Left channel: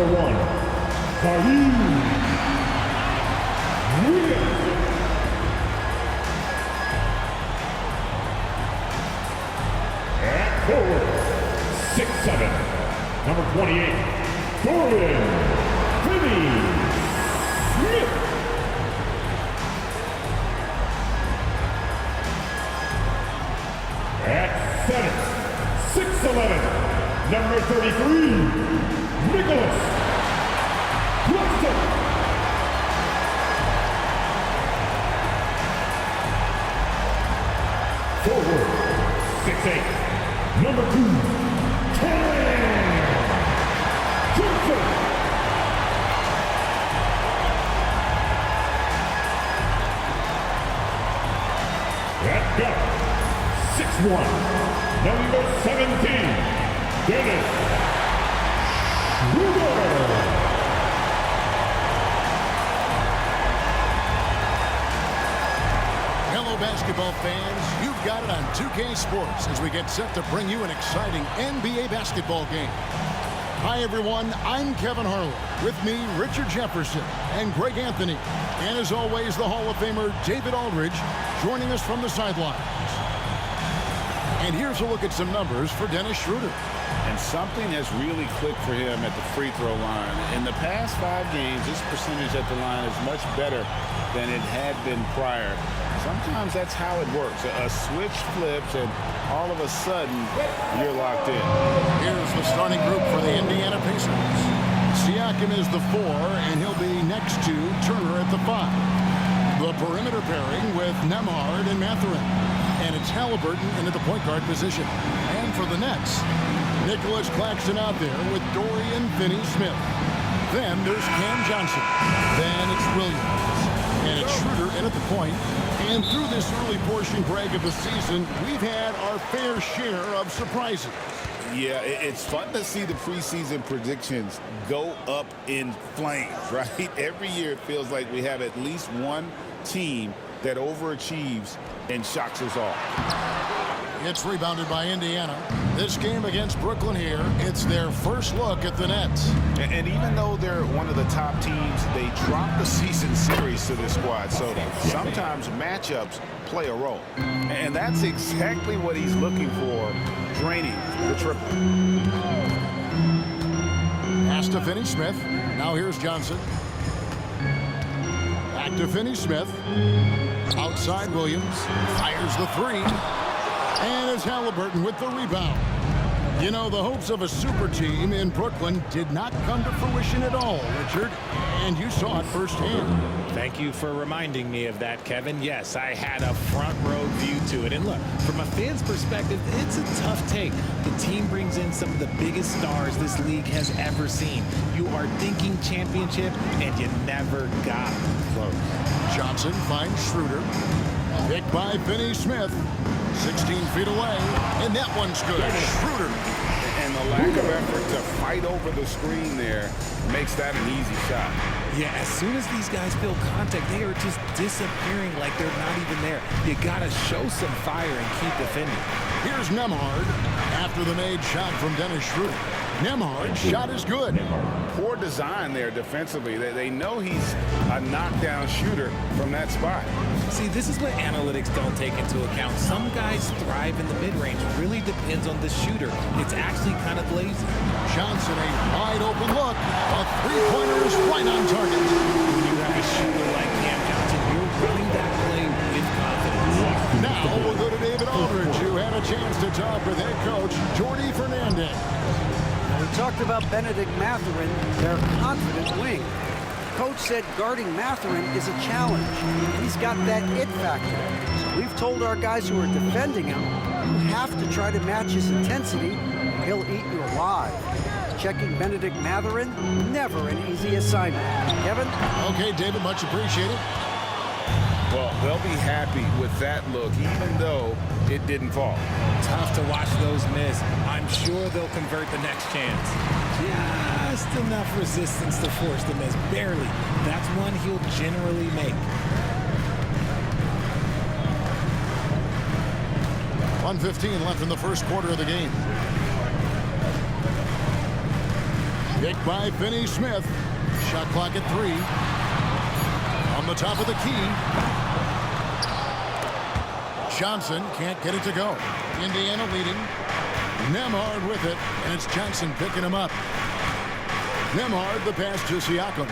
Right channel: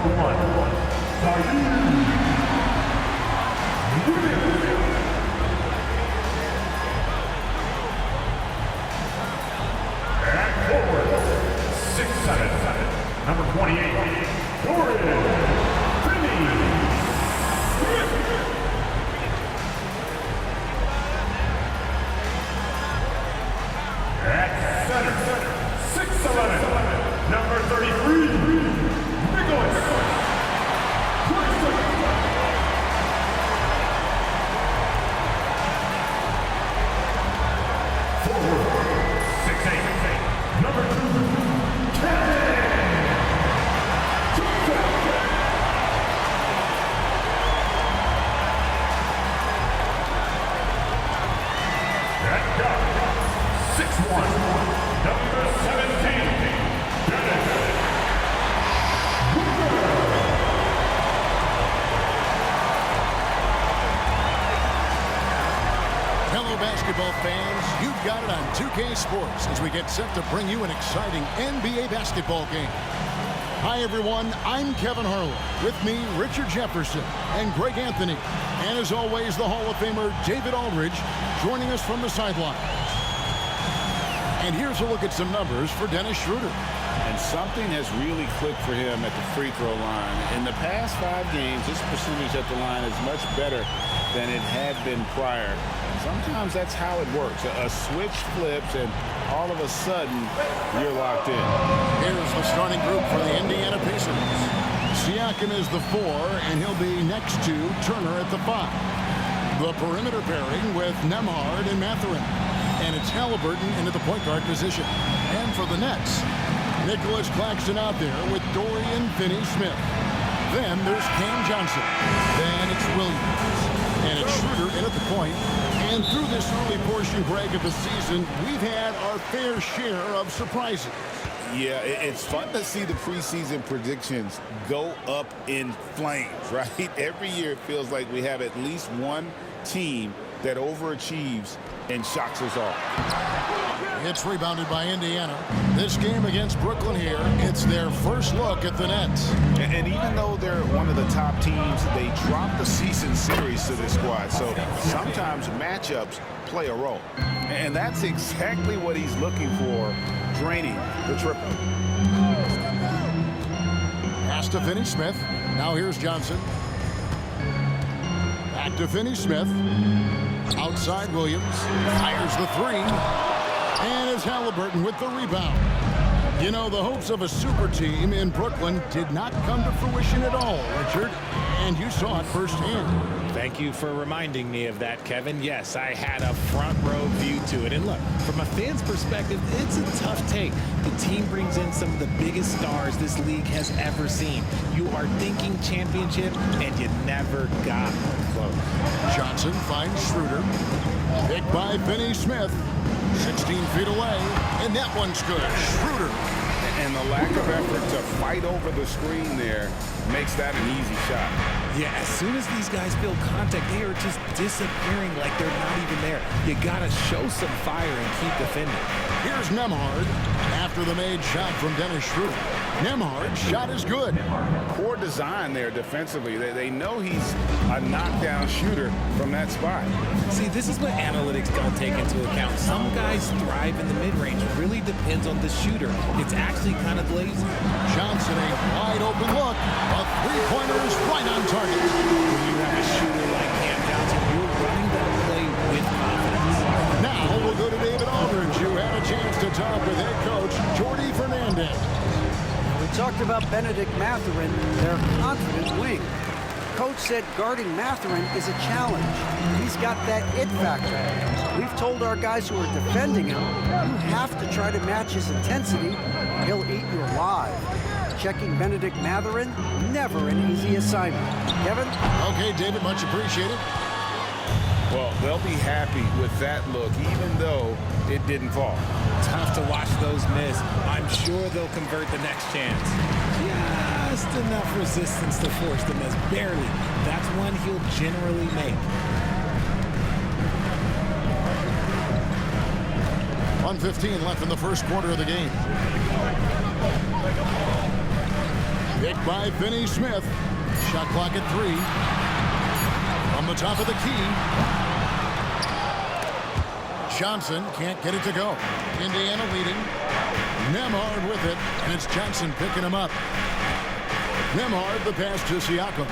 number 1, Zaire Williams. At forward, 6'7", number 28, Dorian Finney-Smith. At center, 6'11", number 33, Nicholas Claxton. Forward, 6'8", number 2, Cam Johnson. At guard, 6'1", number 17, Dennis Schroeder. Hello, basketball fans. You've got it on 2K Sports as we get set to bring you an exciting NBA basketball game. Hi, everyone. I'm Kevin Harlan. With me, Richard Jefferson and Greg Anthony. And as always, the Hall of Famer David Aldridge joining us from the sidelines. And here's a look at some numbers for Dennis Schroeder. And something has really clicked for him at the free throw line. In the past 5 games, his percentage at the line is much better than it had been prior. Sometimes that's how it works. A switch flips, and all of a sudden, you're locked in. Here's the starting group for the Indiana Pacers. Siakam is the 4, and he'll be next to Turner at the 5. The perimeter pairing with Nembhard and Mathurin. And it's Halliburton into the point guard position. And for the Nets, Nicholas Claxton out there with Dorian Finney-Smith. Then there's Cam Johnson. Then it's Williams. And it's Schroeder in at the point. And through this early portion, Greg, of the season, we've had our fair share of surprises. Yeah, it's fun to see the preseason predictions go up in flames, right? Every year it feels like we have at least one team that overachieves and shocks us all. It's rebounded by Indiana. This game against Brooklyn here, it's their first look at the Nets. And even though they're one of the top teams, they dropped the season series to this squad. So sometimes matchups play a role. And that's exactly what he's looking for, draining the triple. Pass to Finney-Smith. Now here's Johnson. Back to Finney-Smith. Outside Williams. Fires the 3. And it's Halliburton with the rebound. You know, the hopes of a super team in Brooklyn did not come to fruition at all, Richard. And you saw it firsthand. Thank you for reminding me of that, Kevin. Yes, I had a front row view to it. And look, from a fan's perspective, it's a tough take. The team brings in some of the biggest stars this league has ever seen. You are thinking championship, and you never got close. Johnson finds Schroeder. Picked by Finney-Smith. 16 feet away, and that one's good. Schroeder. And the lack of effort to fight over the screen there makes that an easy shot. Yeah, as soon as these guys feel contact, they are just disappearing like they're not even there. You got to show some fire and keep defending. Here's Nembhard after the made shot from Dennis Schroeder. Nembhard's shot is good. Poor design there defensively. They know he's a knockdown shooter from that spot. See, this is what analytics don't take into account. Some guys thrive in the mid-range. It really depends on the shooter. It's actually kind of lazy. Johnson, a wide open look. A three-pointer is right on target. When you have a shooter like Cam Johnson, you're running that play with confidence. Now we'll go to David Aldridge, who had a chance to talk with head coach Jordi Fernandez. We talked about Benedict Mathurin, their confident wing. Coach said guarding Mathurin is a challenge. He's got that it factor. So we've told our guys who are defending him, you have to try to match his intensity, or he'll eat you alive. Checking Benedict Mathurin, never an easy assignment. Kevin? Okay, David, much appreciated. Well, they'll be happy with that look, even though it didn't fall. Tough to watch those miss. I'm sure they'll convert the next chance. Just enough resistance to force the miss. Barely. That's one he'll generally make. 1:15 left in the first quarter of the game. Picked by Finney Smith. Shot clock at 3. From the top of the key. Johnson can't get it to go. Indiana leading. Nembhard with it, and it's Johnson picking him up. Nembhard, the pass to Siakam.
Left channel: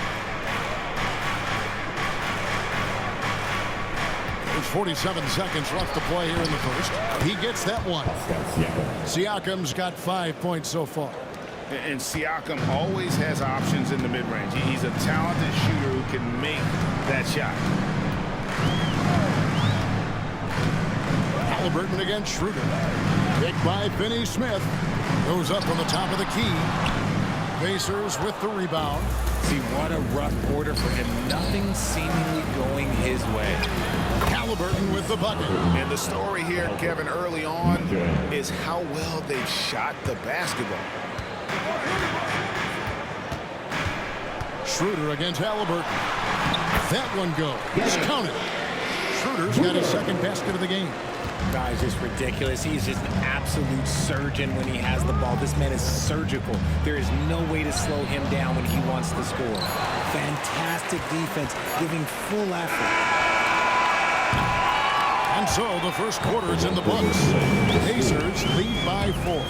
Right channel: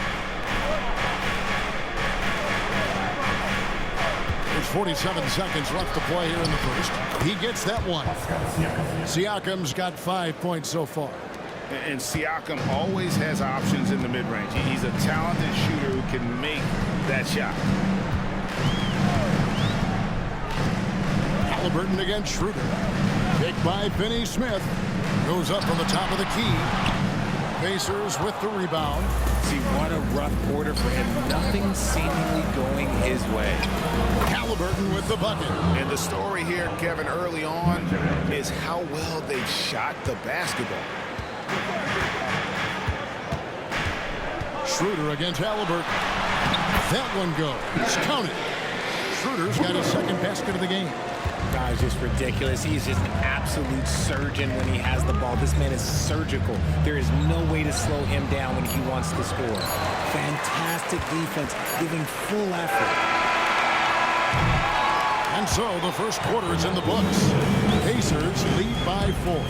There's 47 seconds left to play here in the first. He gets that one. Siakam's got 5 points so far. And Siakam always has options in the mid-range. He's a talented shooter who can make that shot. Halliburton against Schroeder. Picked by Finney Smith. Goes up from the top of the key. Pacers with the rebound. See, what a rough quarter for him. Nothing seemingly going his way. Halliburton with the bucket. And the story here, Kevin, early on is how well they've shot the basketball. Schroeder against Halliburton. That one goes. Count it. Schroeder's got his second basket of the game. Guy's just ridiculous. He's just an absolute surgeon when he has the ball. This man is surgical. There is no way to slow him down when he wants to score. Fantastic defense, giving full effort. And so the first quarter is in the books. Pacers lead by 4.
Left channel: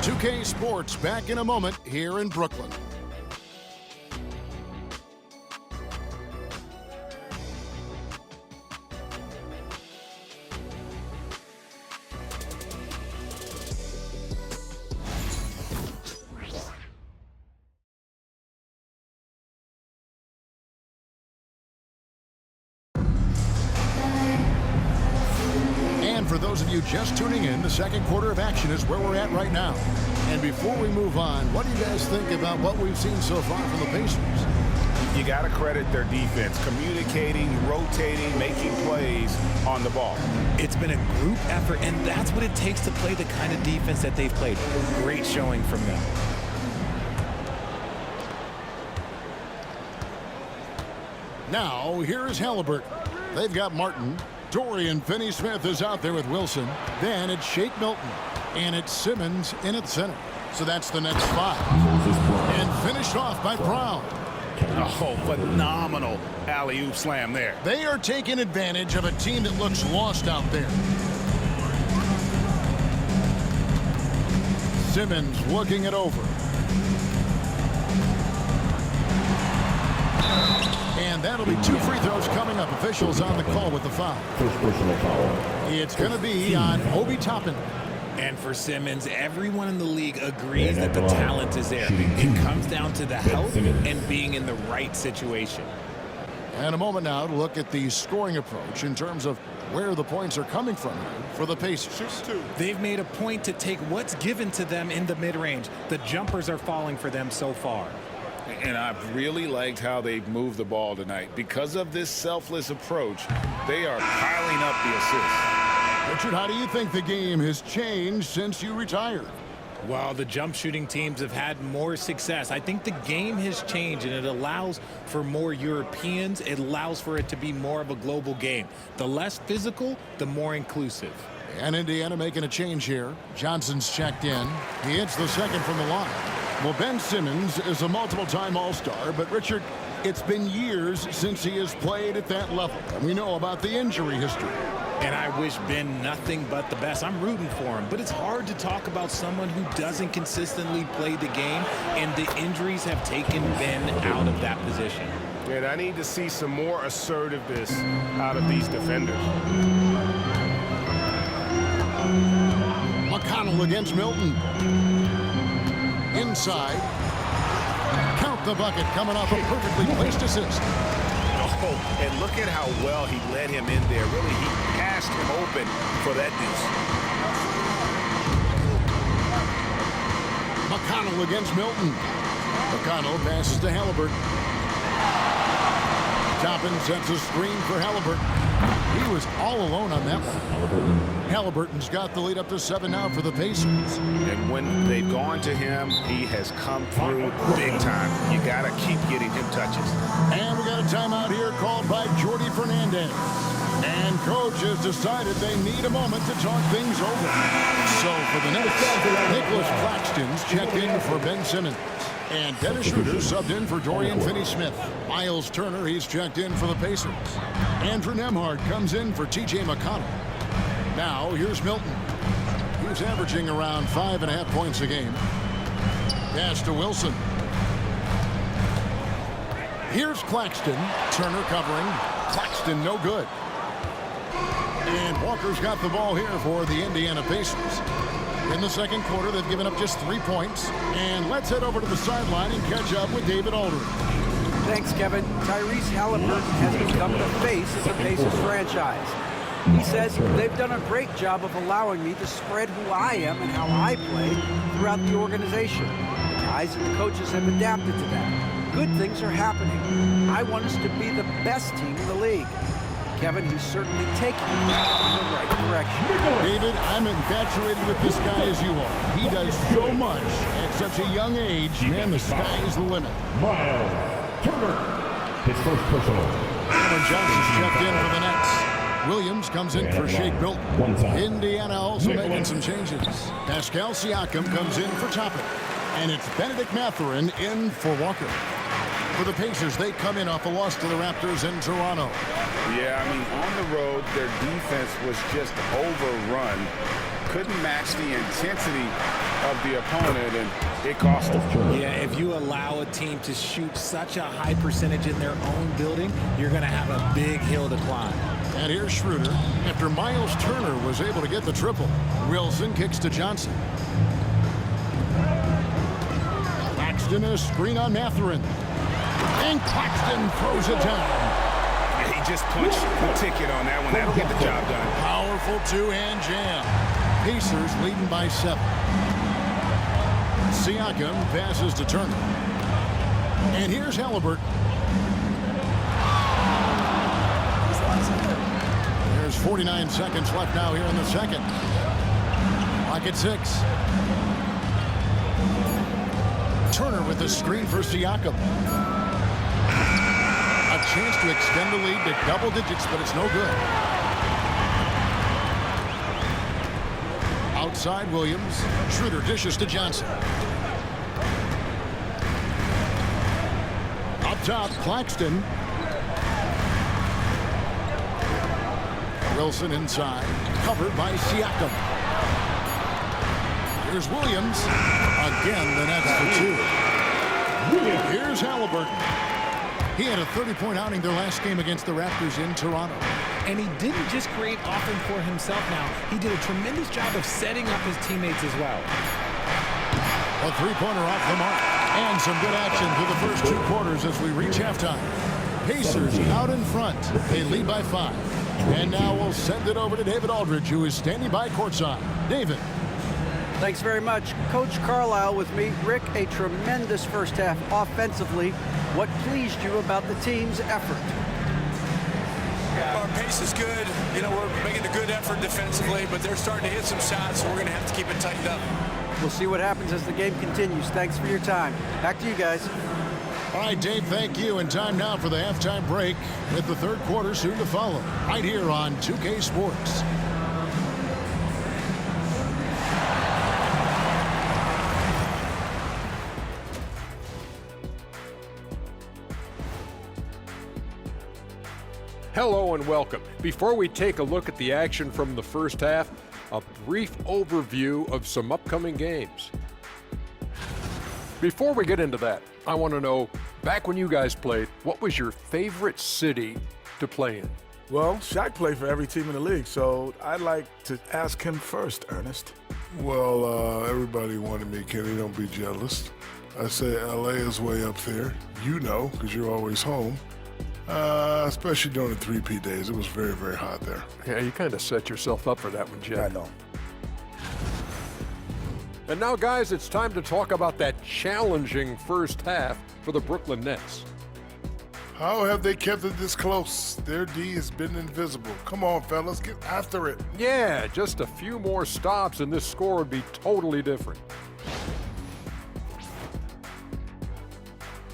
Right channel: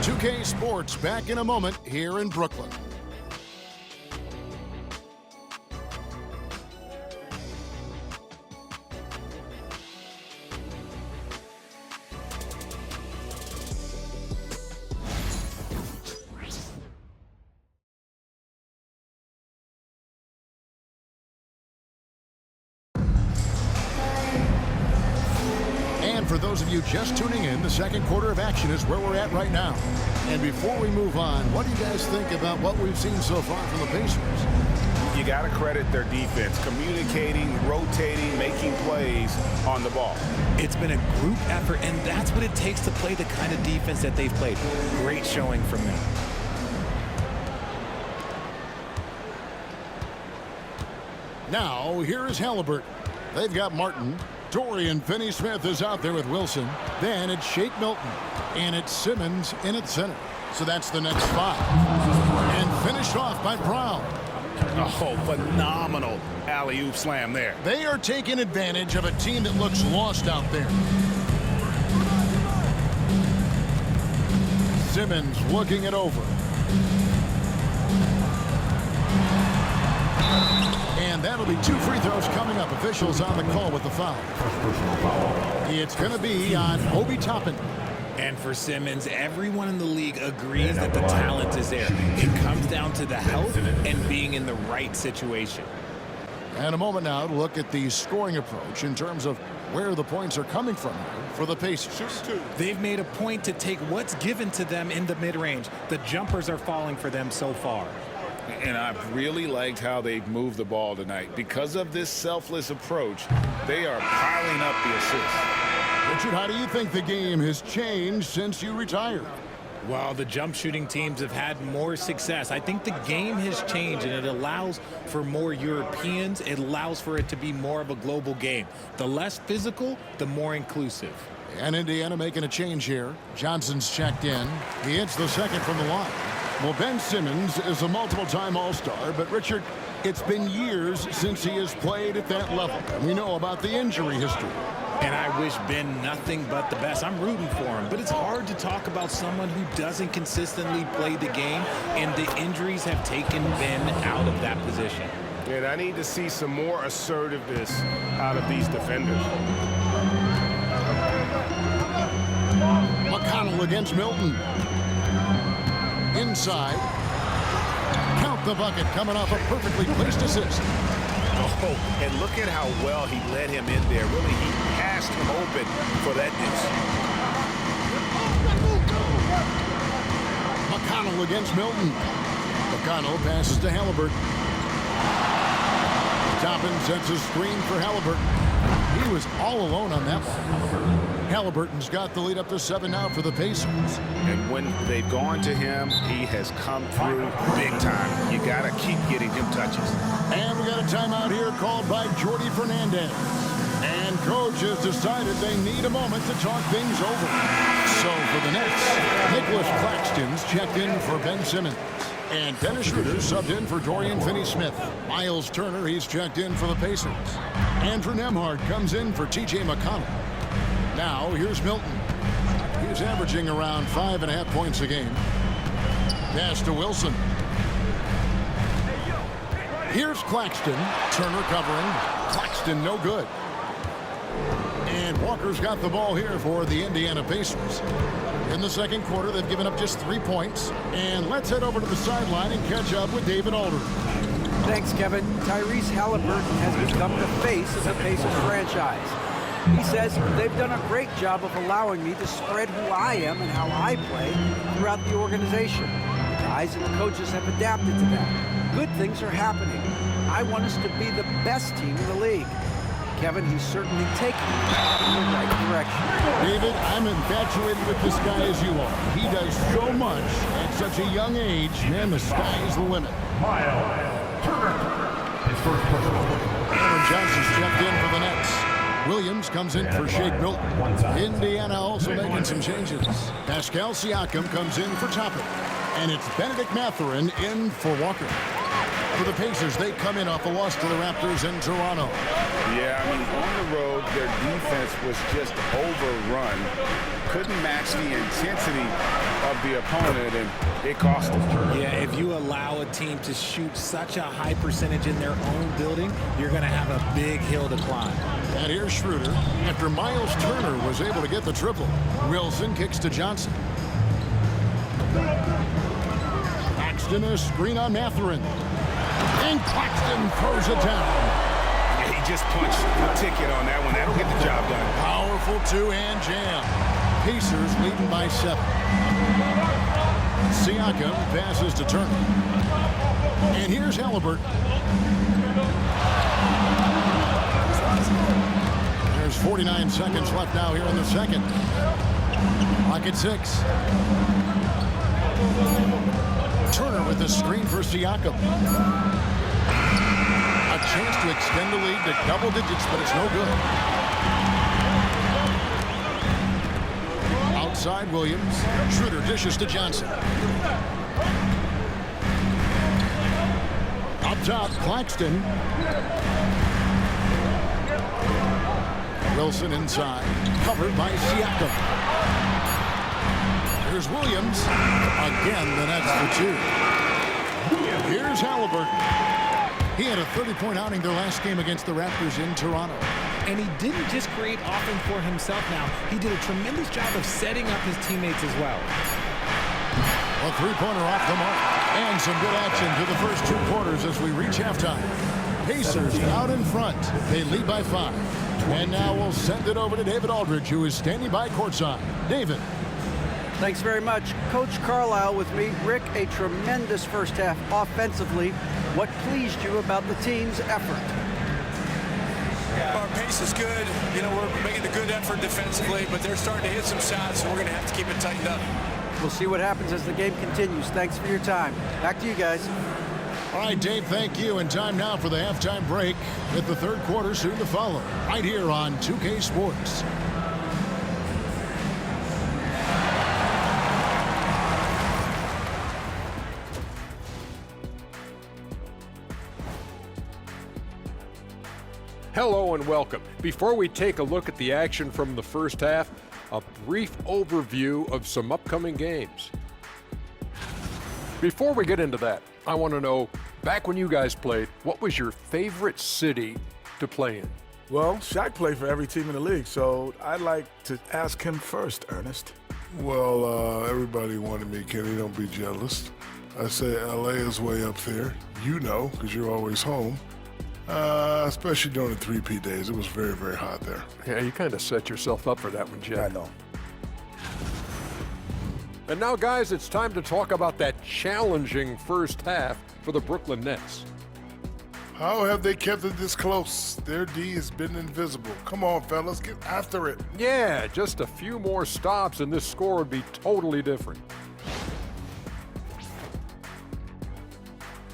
2K Sports back in a moment here in Brooklyn. And for those of you just tuning in, the second quarter of action is where we're at right now. And before we move on, what do you guys think about what we've seen so far from the Pacers? You got to credit their defense, communicating, rotating, making plays on the ball. It's been a group effort, and that's what it takes to play the kind of defense that they've played. Great showing from them. Now, here is Halliburton. They've got Martin. Dorian Finney-Smith is out there with Wilson. Then it's Shake Milton. And it's Simmons in at center. So that's the next 5. And finished off by Brown. Oh, phenomenal alley-oop slam there. They are taking advantage of a team that looks lost out there. Simmons looking it over. And that'll be 2 free throws coming up. Officials on the call with the foul. First personal foul. It's going to be on Obi Toppin. And for Simmons, everyone in the league agrees that the talent is there. It comes down to the health and being in the right situation. And a moment now to look at the scoring approach in terms of where the points are coming from here for the Pacers. They've made a point to take what's given to them in the mid-range. The jumpers are falling for them so far. And I've really liked how they've moved the ball tonight. Because of this selfless approach, they are piling up the assists. Richard, how do you think the game has changed since you retired? While the jump shooting teams have had more success, I think the game has changed, and it allows for more Europeans. It allows for it to be more of a global game. The less physical, the more inclusive. And Indiana making a change here. Johnson's checked in. He hits the second from the line. Well, Ben Simmons is a multiple-time All-Star, but Richard, it's been years since he has played at that level. And we know about the injury history. And I wish Ben nothing but the best. I'm rooting for him, but it's hard to talk about someone who doesn't consistently play the game, and the injuries have taken Ben out of that position. And I need to see some more assertiveness out of these defenders. McConnell against Milton. Inside. Count the bucket coming off a perfectly placed assist. Oh, and look at how well he led him in there. Really, he passed him open for that deuce. McConnell against Milton. McConnell passes to Halliburton. Toppin sets a screen for Halliburton. He was all alone on that one. Halliburton's got the lead up to 7 now for the Pacers. And when they've gone to him, he has come through big time. You got to keep getting him touches. And we got a timeout here called by Jordi Fernandez. And coach has decided they need a moment to talk things over. So for the Nets, Nicholas Claxton's checked in for Ben Simmons. And Dennis Schroeder subbed in for Dorian Finney-Smith. Miles Turner, he's checked in for the Pacers. Andrew Nembhard comes in for T.J. McConnell. Now, here's Milton. He's averaging around 5.5 points a game. Pass to Wilson. Here's Claxton. Turner covering. Claxton no good. And Walker's got the ball here for the Indiana Pacers. In the second quarter, they've given up just 3 points. And let's head over to the sideline and catch up with David Aldridge. Thanks, Kevin. Tyrese Halliburton has become the face of the Pacers franchise. He says they've done a great job of allowing me to spread who I am and how I play throughout the organization. The guys and the coaches have adapted to that. Good things are happening. I want us to be the best team in the league. Kevin, he's certainly taking it in the right direction. David, I'm infatuated with this guy as you are. He does so much at such a young age. Man, the sky is the limit. Miles Turner, his first personal. Cameron Johnson's checked in for the Nets. Williams comes in for Shake Milton. Indiana also making some changes. Pascal Siakam comes in for Toppin. And it's Benedict Mathurin in for Walker. For the Pacers, they come in off a loss to the Raptors in Toronto. Yeah, I mean, on the road, their defense was just overrun. Couldn't match the intensity of the opponent, and it cost them. Yeah, if you allow a team to shoot such a high percentage in their own building, you're going to have a big hill to climb. And here's Schroeder. After Miles Turner was able to get the triple, Wilson kicks to Johnson. Claxton, a screen on Mathurin. And Claxton throws it down. Yeah, he just punched the ticket on that one. That'll get the job done. Powerful two-hand jam. Pacers leading by 7. Siakam passes to Turner. And here's Halliburton. There's 49 seconds left now here in the second. Clock at 6. Turner with the screen for Siakam. A chance to extend the lead to double digits, but it's no good. Outside Williams. Schroeder dishes to Johnson. Up top, Claxton. Wilson inside. Covered by Siakam. Here's Williams. Again, the Nets for 2. Here's Halliburton. He had a 30-point outing their last game against the Raptors in Toronto. And he didn't just create offense for himself now. He did a tremendous job of setting up his teammates as well. A three-pointer off the mark. And some good action through the first 2 quarters as we reach halftime. Pacers out in front. They lead by 5. And now we'll send it over to David Aldridge, who is standing by courtside. David. Thanks very much. Coach Carlisle with me. Rick, a tremendous first half offensively. What pleased you about the team's effort? Our pace is good. You know, we're making a good effort defensively, but they're starting to hit some shots, so we're going to have to keep it tightened up. We'll see what happens as the game continues. Thanks for your time. Back to you guys. All right, Dave, thank you. And time now for the halftime break with the third quarter soon to follow. Right here on 2K Sports. Hello and welcome. Before we take a look at the action from the first half, a brief overview of some upcoming games. Before we get into that, I want to know, back when you guys played, what was your favorite city to play in? Well, Shaq played for every team in the league, so I'd like to ask him first, Ernest. Well, everybody wanted me, Kenny, don't be jealous. I say LA is way up there. You know, because you're always home. Especially during the 3P days. It was very, very hot there. Yeah, you kind of set yourself up for that one, Jeff. I know. And now, guys, it's time to talk about that challenging first half for the Brooklyn Nets. How have they kept it this close? Their D has been invisible. Come on, fellas, get after it. Yeah, just a few more stops and this score would be totally different.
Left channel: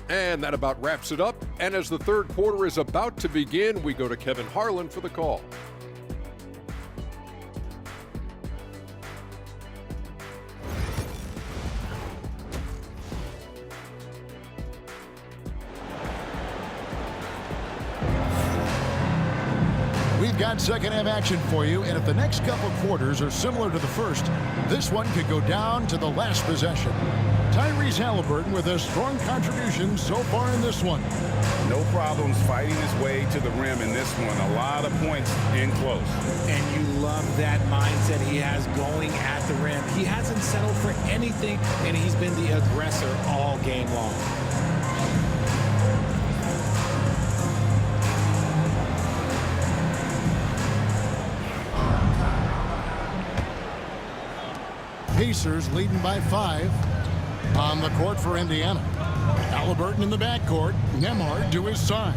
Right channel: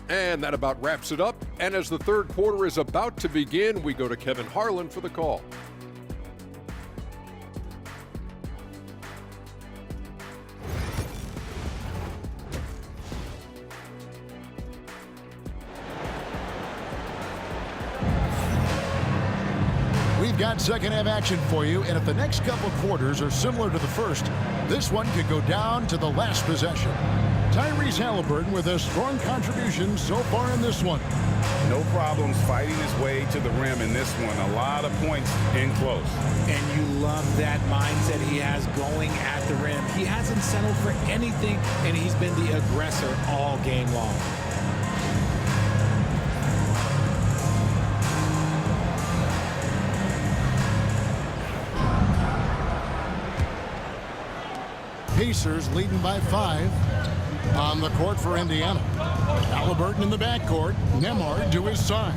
And that about wraps it up And as the third quarter is about to begin, we go to Kevin Harlan for the call. We've got second half action for you, and if the next couple quarters are similar to the first, this one could go down to the last possession. Tyrese Haliburton with a strong contribution so far in this one. No problems fighting his way to the rim in this one. A lot of points in close. And you love that mindset he has going at the rim. He hasn't settled for anything, and he's been the aggressor all game long. Pacers leading by 5 on the court for Indiana. Haliburton in the backcourt, Nembhard to his side.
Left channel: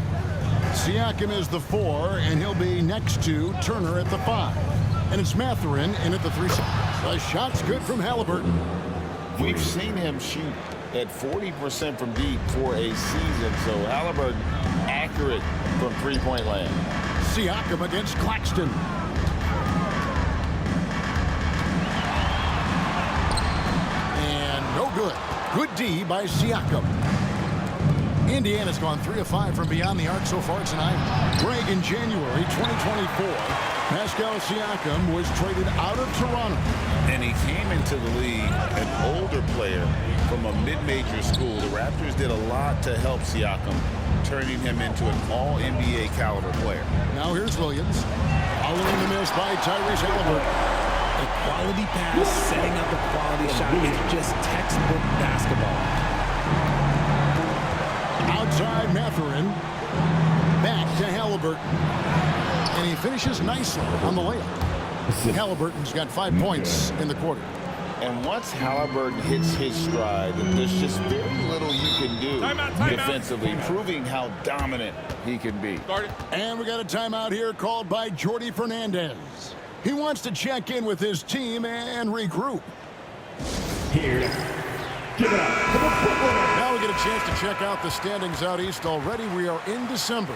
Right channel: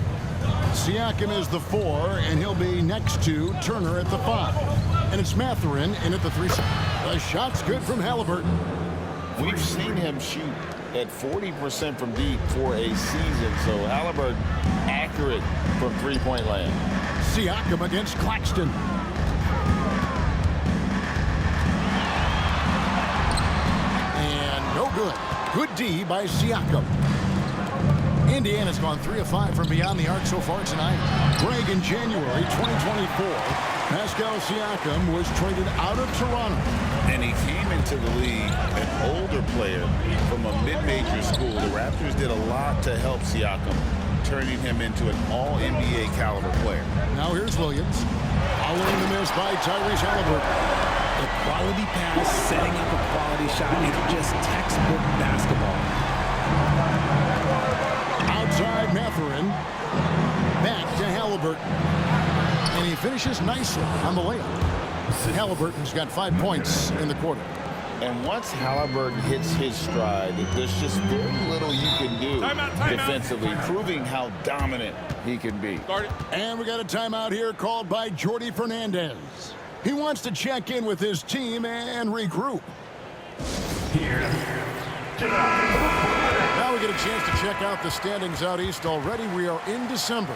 Siakam is the 4, and he'll be next to Turner at the 5. And it's Mathurin in at the 3. The shot's good from Haliburton. We've seen him shoot at 40% from deep for a season, so Haliburton accurate from three-point land. Siakam against Claxton. And no good. Good D by Siakam. Indiana's gone 3 of 5 from beyond the arc so far tonight. Greg, in January 2024, Pascal Siakam was traded out of Toronto. And he came into the league an older player from a mid-major school. The Raptors did a lot to help Siakam, turning him into an all-NBA caliber player. Now here's Williams. Following the miss by Tyrese Haliburton. A quality pass, setting up a quality shot. It's just textbook basketball. Outside Mathurin. Back to Haliburton. And he finishes nicely on the layup. Haliburton's got 5 points in the quarter. And once Haliburton hits his stride, there's just very little you can do defensively, proving how dominant he can be. And we got a timeout here called by Jordi Fernandez. He wants to check in with his team and regroup. Here, give it up for the Brooklyn Nets. Now we get a chance to check out the standings out east. Already we are in December.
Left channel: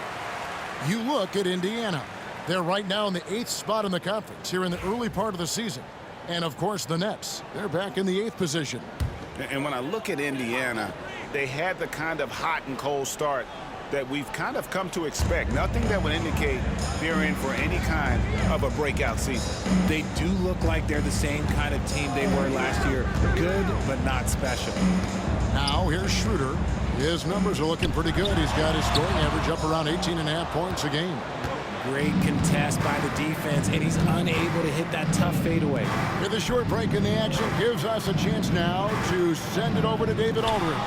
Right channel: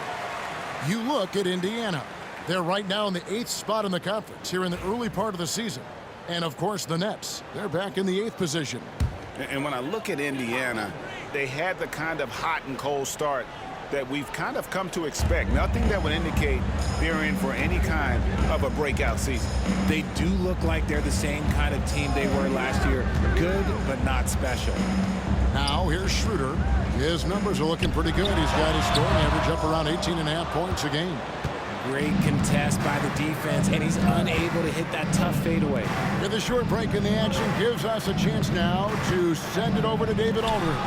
You look at Indiana. They're right now in the 8th spot in the conference here in the early part of the season. And, of course, the Nets. They're back in the 8th position. And when I look at Indiana, they had the kind of hot and cold start that we've kind of come to expect. Nothing that would indicate they're in for any kind of a breakout season. They do look like they're the same kind of team they were last year. Good, but not special. Now, here's Schroeder. His numbers are looking pretty good. He's got his scoring average up around 18.5 points a game. Great contest by the defense, and he's unable to hit that tough fadeaway. With a short break in the action gives us a chance now to send it over to David Aldridge.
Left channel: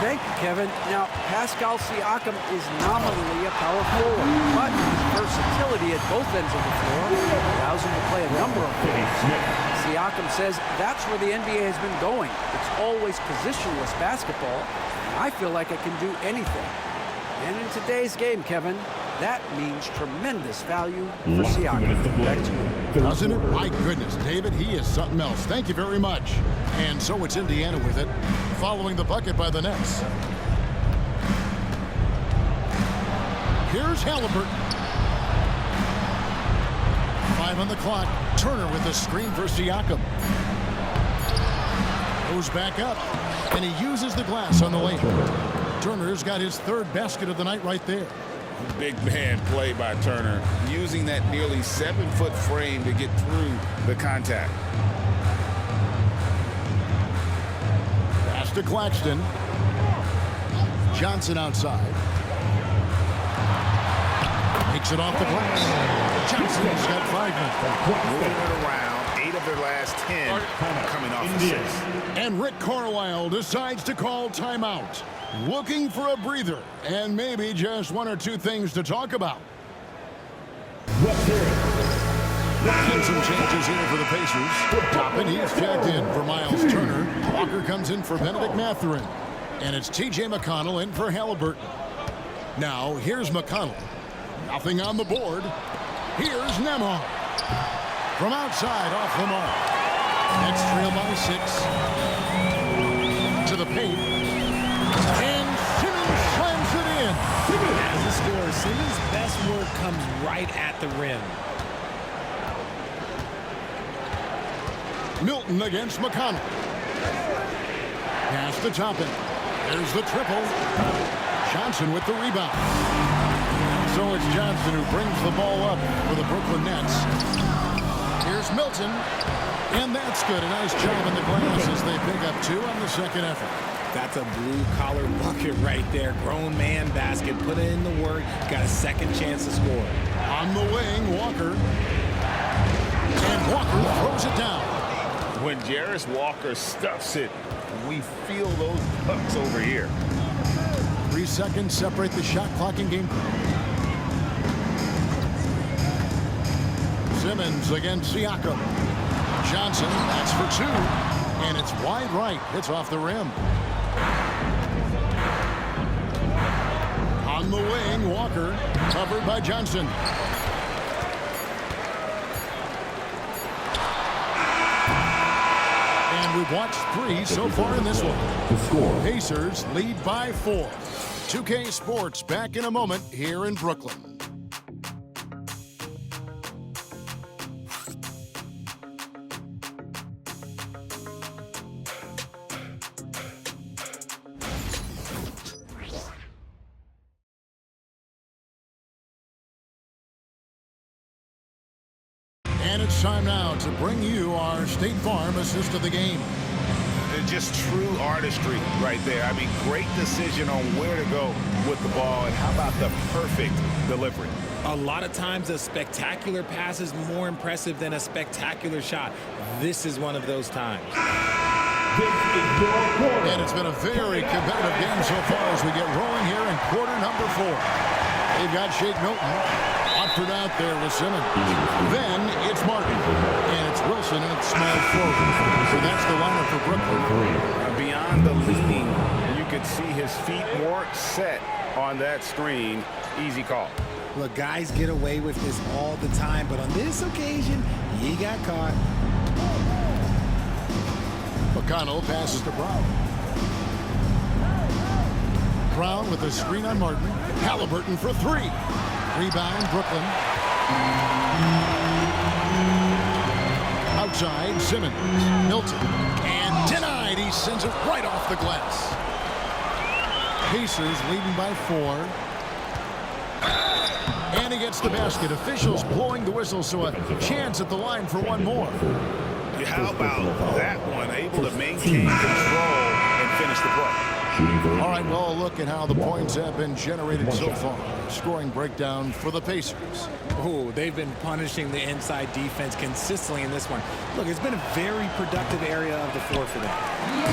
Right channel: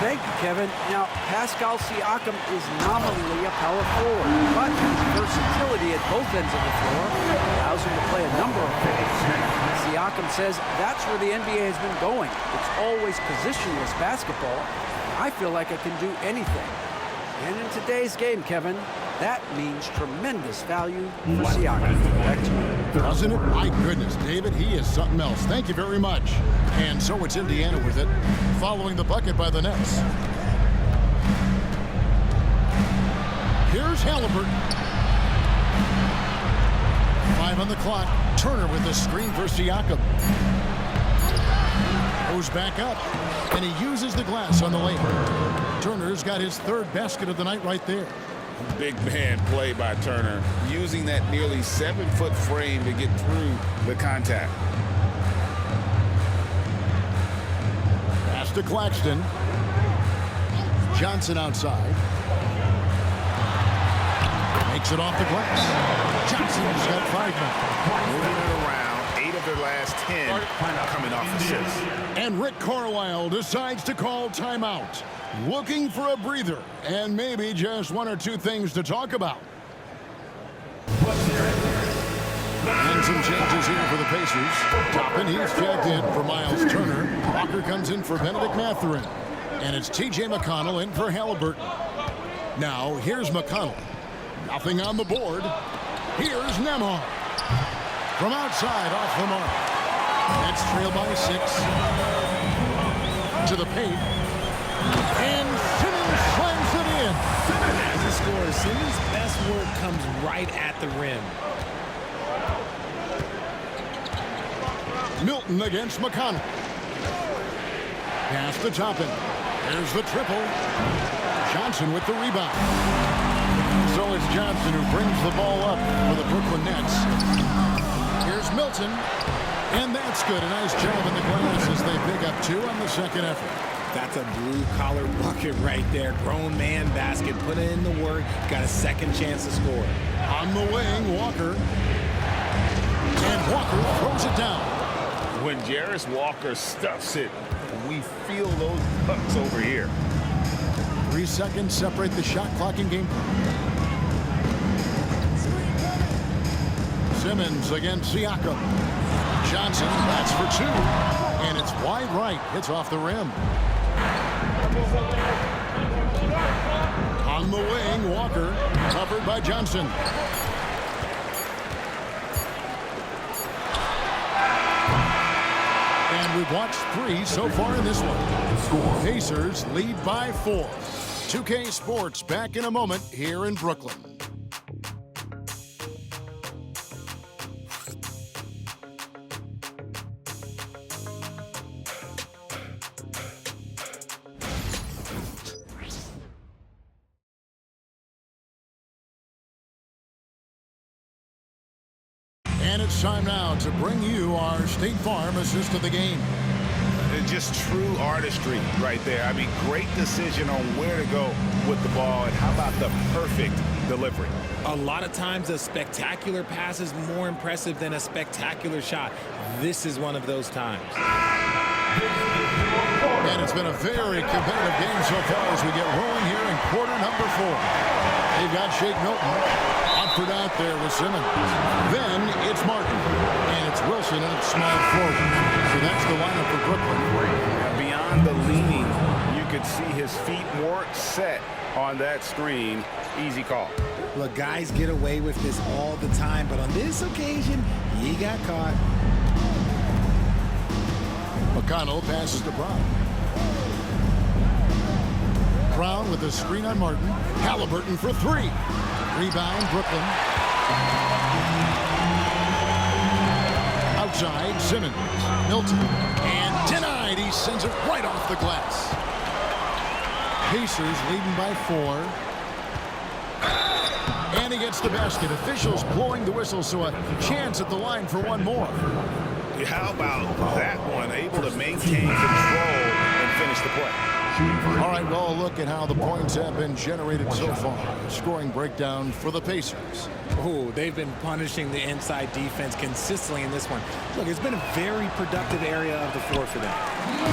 Thank you, Kevin. Now, Pascal Siakam is nominally a power forward, but his versatility at both ends of the floor allows him to play a number of roles. Siakam says that's where the NBA has been going. It's always positionless basketball, and I feel like I can do anything. And in today's game, Kevin, that means tremendous value for Siakam. Back to you. Doesn't it? My goodness, David, he is something else. Thank you very much. And so it's Indiana with it, following the bucket by the Nets. Here's Haliburton. 5 on the clock. Turner with the screen for Siakam. Goes back up, and he uses the glass on the layup. Turner's got his 3rd basket of the night right there. Big man play by Turner, using that nearly 7-foot frame to get through the contact. Pass to Claxton. Johnson outside. Makes it off the glass. Johnson's got 5 now. Moving it around, 8 of their last 10 coming off assists. And Rick Carlisle decides to call timeout. Looking for a breather and maybe just 1 or 2 things to talk about. And some changes here for the Pacers. Toppin, he's checked in for Miles Turner. Walker comes in for Benedict Mathurin. And it's T.J. McConnell in for Haliburton. Now, here's McConnell. Nothing on the board. Here's Nembhard. From outside, off the mark. Nets trail by 6. To the paint. And Simmons slams lays it in. As a scorer, Simmons' best work comes right at the rim. Milton against McConnell. Pass to Toppin. There's the triple. Johnson with the rebound. So it's Johnson who brings the ball up for the Brooklyn Nets. Here's Milton. And that's good. A nice job in the glass as they pick up 2 on the second effort. That's a blue-collar bucket right there. Grown man basket. Put in the work. Got a second chance to score. On the wing, Walker. And Walker throws it down. When Jarris Walker stuffs it, we feel those pucks over here. 3 seconds separate the shot clock and game clock. Simmons against Siakam. Johnson, that's for 2. And it's wide right. Hits off the rim. On the wing, Walker. Covered by Johnson. And we've watched 3 so far in this one. The score. Pacers lead by 4. 2K Sports back in a moment here in Brooklyn. And it's time now to bring you our State Farm assist of the game. Just true artistry right there. I mean, great decision on where to go with the ball, and how about the perfect delivery? A lot of times a spectacular pass is more impressive than a spectacular shot. This is one of those times. And it's been a very competitive game so far as we get rolling here in quarter number 4. They've got Shake Milton. Watford out there with Simmons. Then it's Martin. And it's Wilson, and it's small forward. So that's the lineup for Brooklyn. Beyond the leaning, you could see his feet more set on that screen. Easy call. Look, guys get away with this all the time, but on this occasion, he got caught. McConnell passes to Brown. Brown with a screen on Martin. Halliburton for 3. Rebound, Brooklyn. Outside, Simmons. Milton. And denied. He sends it right off the glass. Pacers leading by 4. And he gets the basket. Officials blowing the whistle, so a chance at the line for one more. How about that one? Able to maintain control and finish the play. All right, well, a look at how the points have been generated so far. Scoring breakdown for the Pacers. Oh, they've been punishing the inside defense consistently in this one. Look, it's been a very productive area of the floor for them.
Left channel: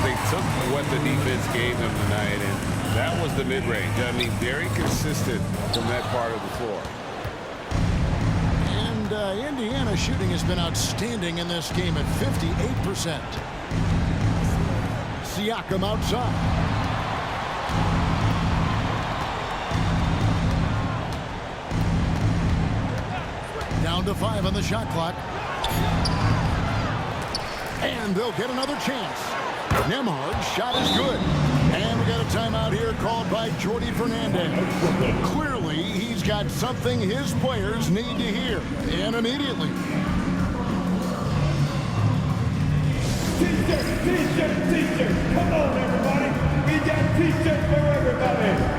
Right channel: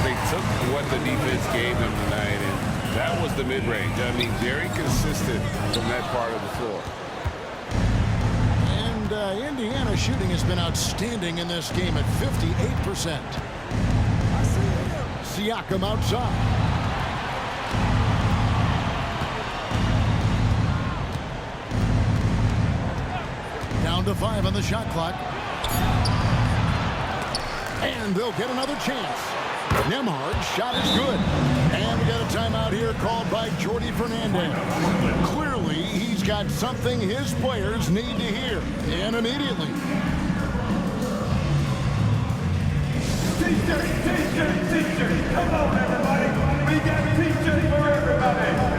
They took what the defense gave them tonight, and that was the mid-range. I mean, very consistent from that part of the floor. And Indiana shooting has been outstanding in this game at 58%. Siakam outside. Down to 5 on the shot clock. And they'll get another chance. Nembhard's shot is good. And we got a timeout here called by Jordi Fernandez. Clearly, he's got something his players need to hear. And immediately. T-shirt. Come on, everybody. We got T-shirts for everybody.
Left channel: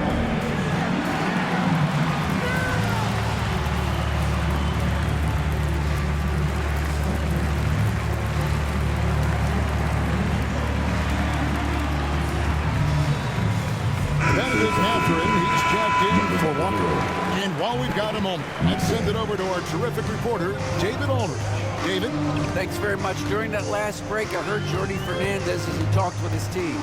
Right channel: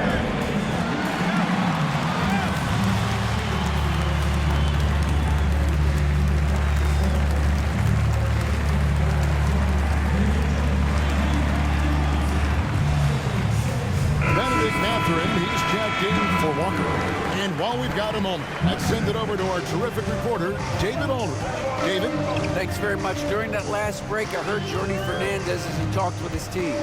Mathurin, he's checked in for Walker. And while we've got a moment, let's send it over to our terrific reporter, David Aldridge. David? Thanks very much. During that last break, I heard Jordi Fernandez as he talked with his team.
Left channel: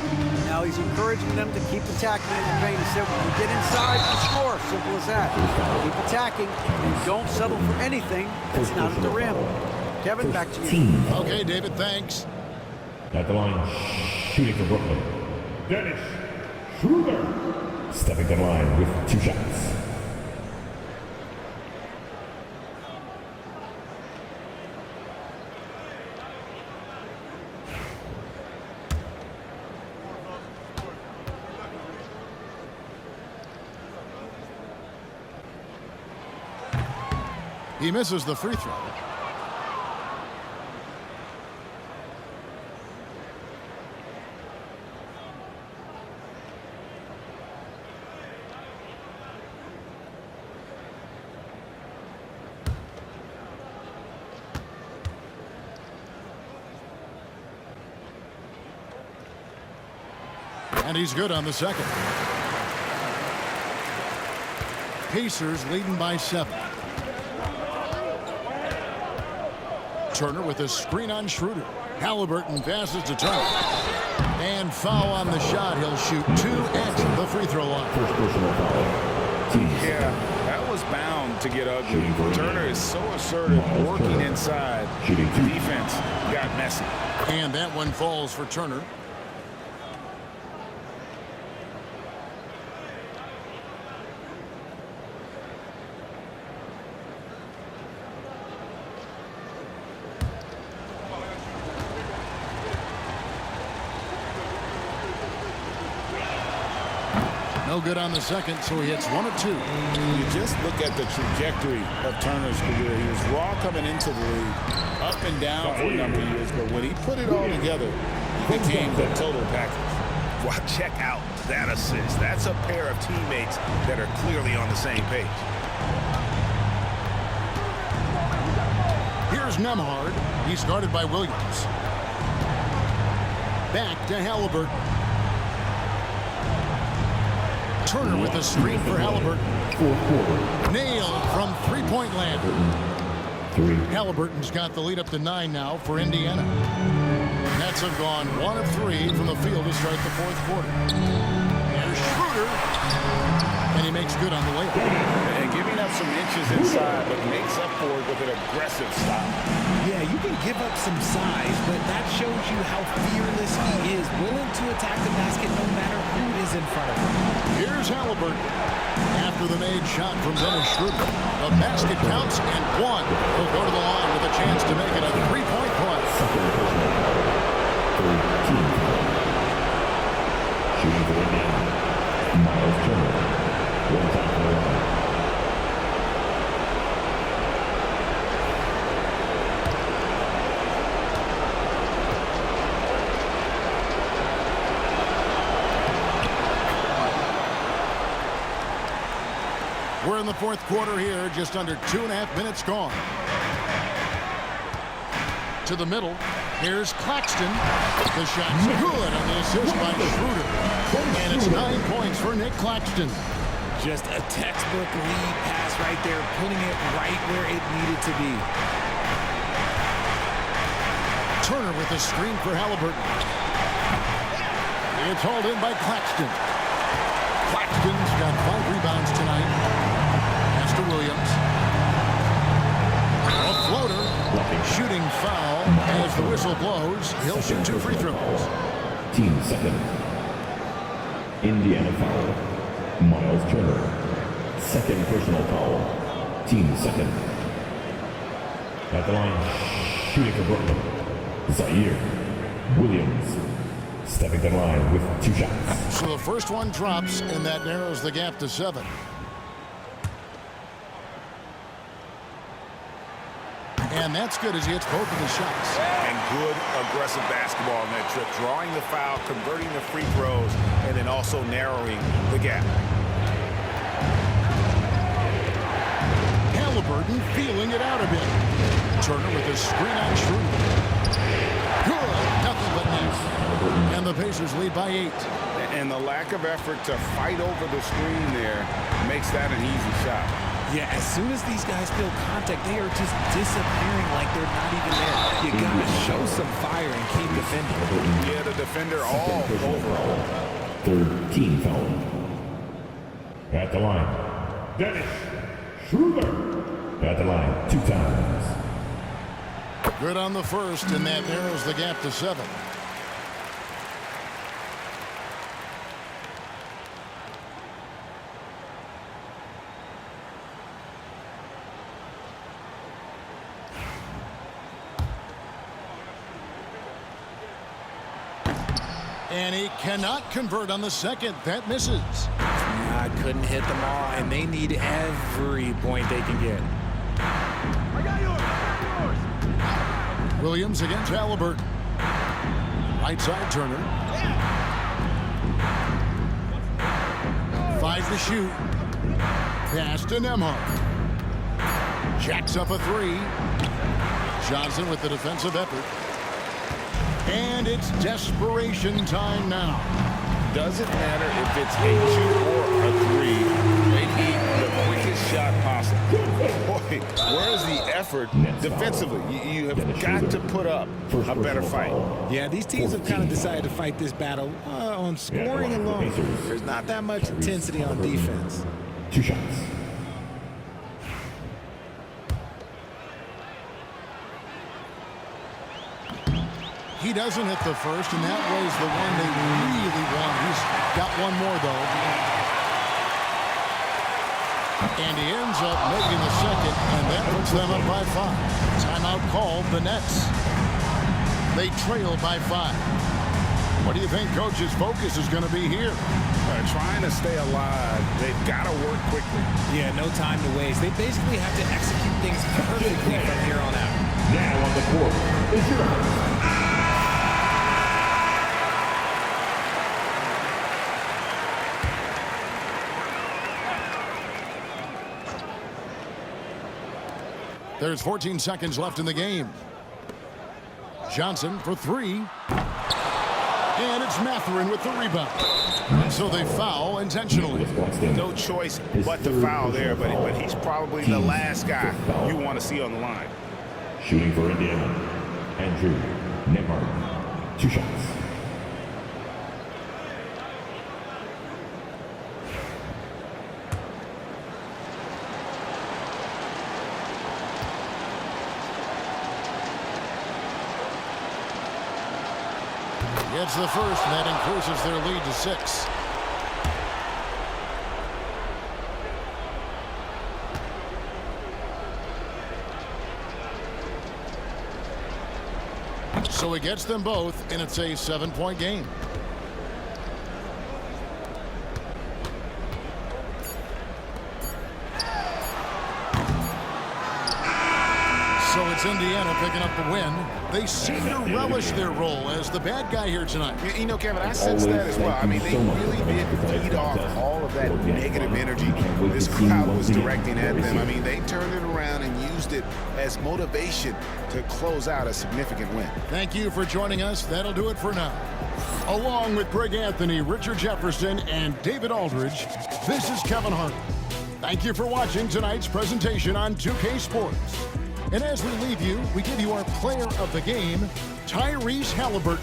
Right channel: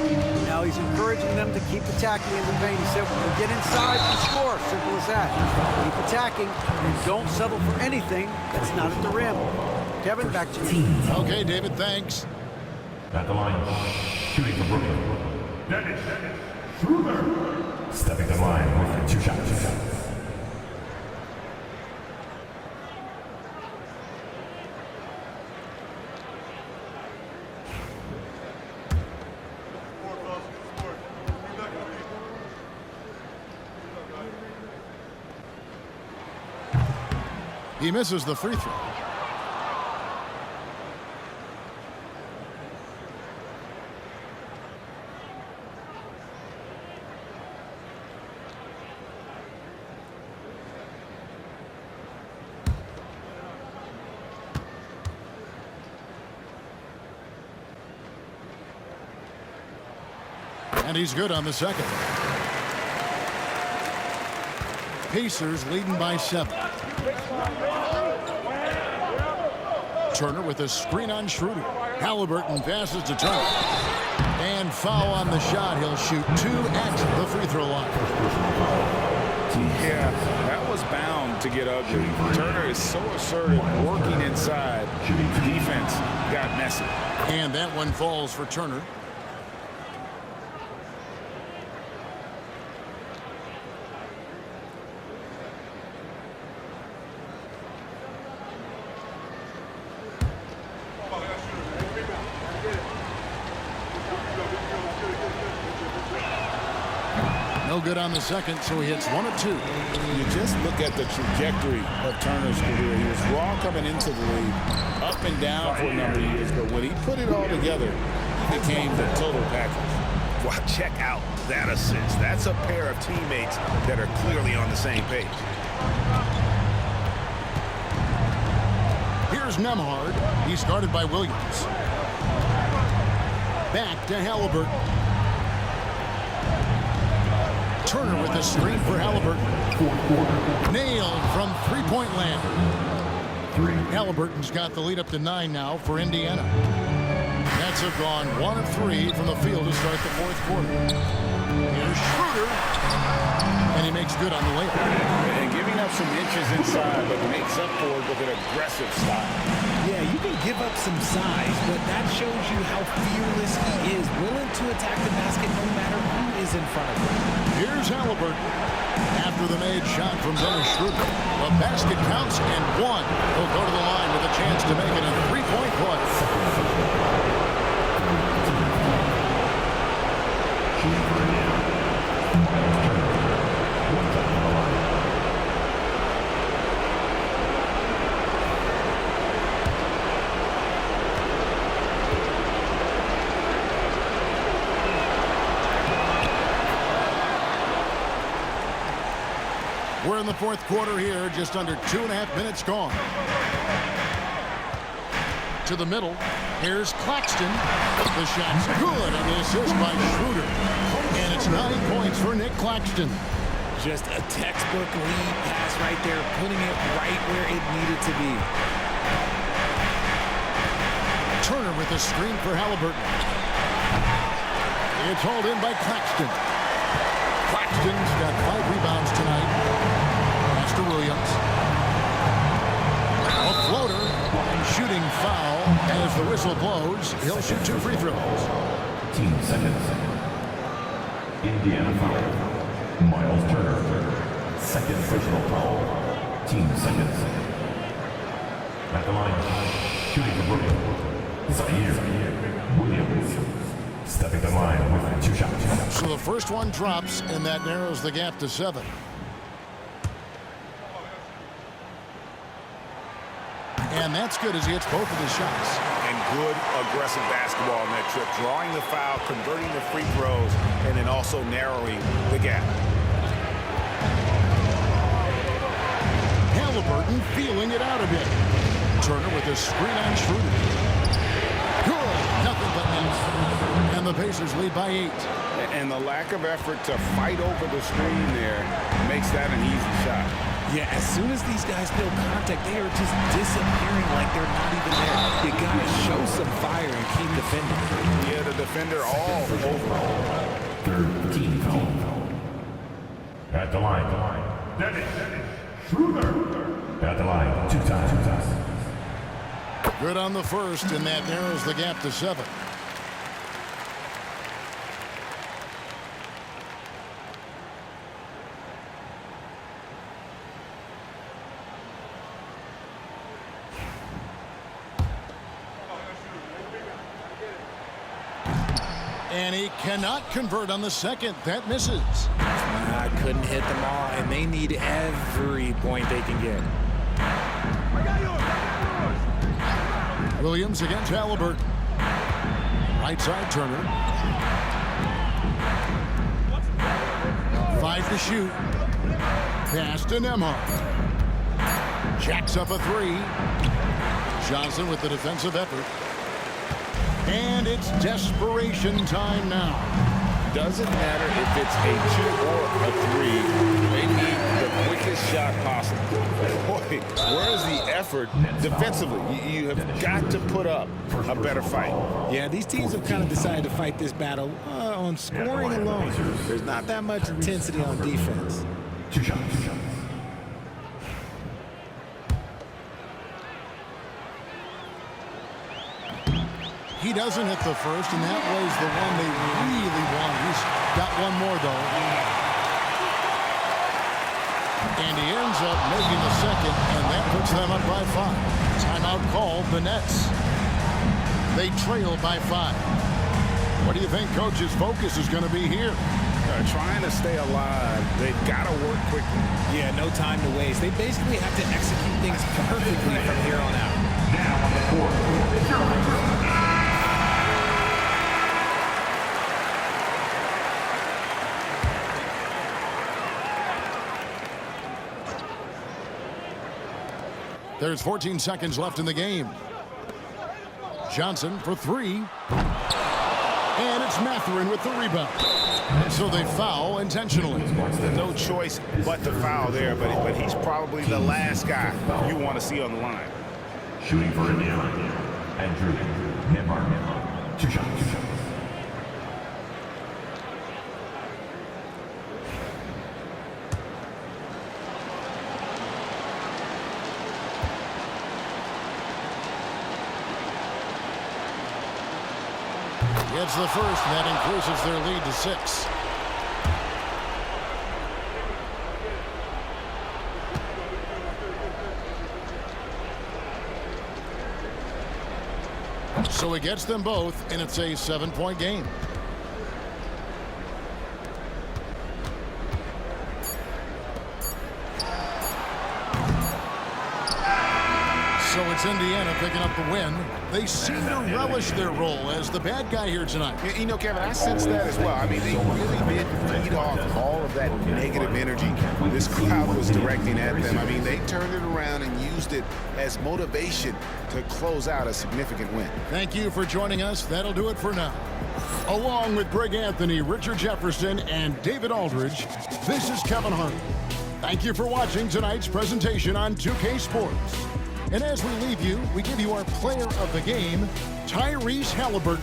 Now he's encouraging them to keep attacking in the paint. He said, when we get inside, we score. Simple as that. Keep attacking and don't settle for anything that's not at the rim. Kevin, back to you. Okay, David, thanks. At the line, shooting for Brooklyn, Dennis Schroeder. Stepping to the line with 2 shots. He misses the free throw. And he's good on the second. Pacers leading by 7. Turner with a screen on Schroeder. Halliburton passes to Turner. And foul on the shot. He'll shoot 2 at the free throw line. First personal foul. Yeah, that was bound to get ugly. Turner is so assertive, working inside. The defense got messy. And that one falls for Turner. No good on the second, so he hits 1 of 2. You just look at the trajectory of Turner's career. He was raw coming into the league, up and down for a number of years, but when he put it all together, he became the total package. Well, check out that assist. That's a pair of teammates that are clearly on the same page. Here's Nembhard. He's guarded by Williams. Back to Halliburton. Turner with the screen for Halliburton. Nailed from three-point land. Halliburton's got the lead up to 9 now for Indiana. Nets have gone 1 of 3 from the field to start the fourth quarter. Here's Schroeder. And he makes good on the layup. And giving up some inches inside, but makes up for it with an aggressive style. Yeah, you can give up some size, but that shows you how fearless he is, willing to attack the basket no matter who is in front of him. Here's Halliburton. After the made shot from Dennis Schroeder. The basket counts and 1. He'll go to the line with a chance to make it a 3-point play. Shooting for Indiana. Miles Turner. 1 time for the line. We're in the fourth quarter here, just under 2.5 minutes gone. To the middle, here's Claxton. The shot's good on the assist by Schroeder. And it's 9 points for Nick Claxton. Just a textbook lead pass right there, putting it right where it needed to be. Turner with a screen for Halliburton. It's hauled in by Claxton. Claxton's got 5 rebounds tonight. Pass to Williams. A floater. Shooting foul as the whistle blows. He'll shoot 2 free throws. 15 seconds. Indiana foul. Miles Turner. Second personal foul. 15 seconds. At the line, shooting for Brooklyn. Zaire Williams. Stepping to the line with 2 shots. So the first one drops, and that narrows the gap to 7. And that's good as he hits both of the shots. And good aggressive basketball on that trip. Drawing the foul, converting the free throws, and then also narrowing the gap. Halliburton feeling it out a bit. Turner with a screen on Schroeder. Good. Nothing but net. And the Pacers lead by 8. And the lack of effort to fight over the screen there makes that an easy shot. Yeah, as soon as these guys feel contact, they are just disappearing like they're not even there. You got to show some fire and keep defending. Yeah, the defender all over. 13 foul. At the line, Dennis Schroeder. At the line 2 times. Good on the first, and that narrows the gap to 7. And he cannot convert on the second. That misses. I couldn't hit them all, and they need every point they can get. Williams against Halliburton. Right side, Turner. 5 to shoot. Pass to Nembhard. Jacks up a 3. Johnson with the defensive effort. And it's desperation time now. Doesn't matter if it's a 2 or a 3. They need the quickest shot possible. Boy, where's the effort defensively? You have got to put up a better fight. Yeah, these teams have kind of decided to fight this battle on scoring alone. There's not that much intensity on defense. 2 shots. He doesn't hit the first, and that was the one they really wanted. He's got one more, though. And he ends up making the second, and that puts them up by 5. Timeout called, the Nets. They trail by 5. What do you think Coach's focus is going to be here? Trying to stay alive. They've got to work quickly. Yeah, no time to waste. They basically have to execute things perfectly from here on out. Now on the court, it's your house. There's 14 seconds left in the game. Johnson for 3. And it's Mathurin with the rebound. And so they foul intentionally. No choice but to foul there, but he's probably the last guy you want to see on the line. Shooting for Indiana, Andrew Nembhard. 2 shots. Gets the first, and that increases their lead to 6. So he gets them both, and it's a 7-point game. So it's Indiana picking up the win. They seem to relish their role as the bad guy here tonight. You know, Kevin, I sense that as well. I mean, they really did feed off all of that negative energy this crowd was directing at them. I mean, they turned it around and used it as motivation to close out a significant win. Thank you for joining us. That'll do it for now. Along with Greg Anthony, Richard Jefferson, and David Aldridge, this is Kevin Harlan. Thank you for watching tonight's presentation on 2K Sports. And as we leave you, we give you our player of the game, Tyrese Halliburton.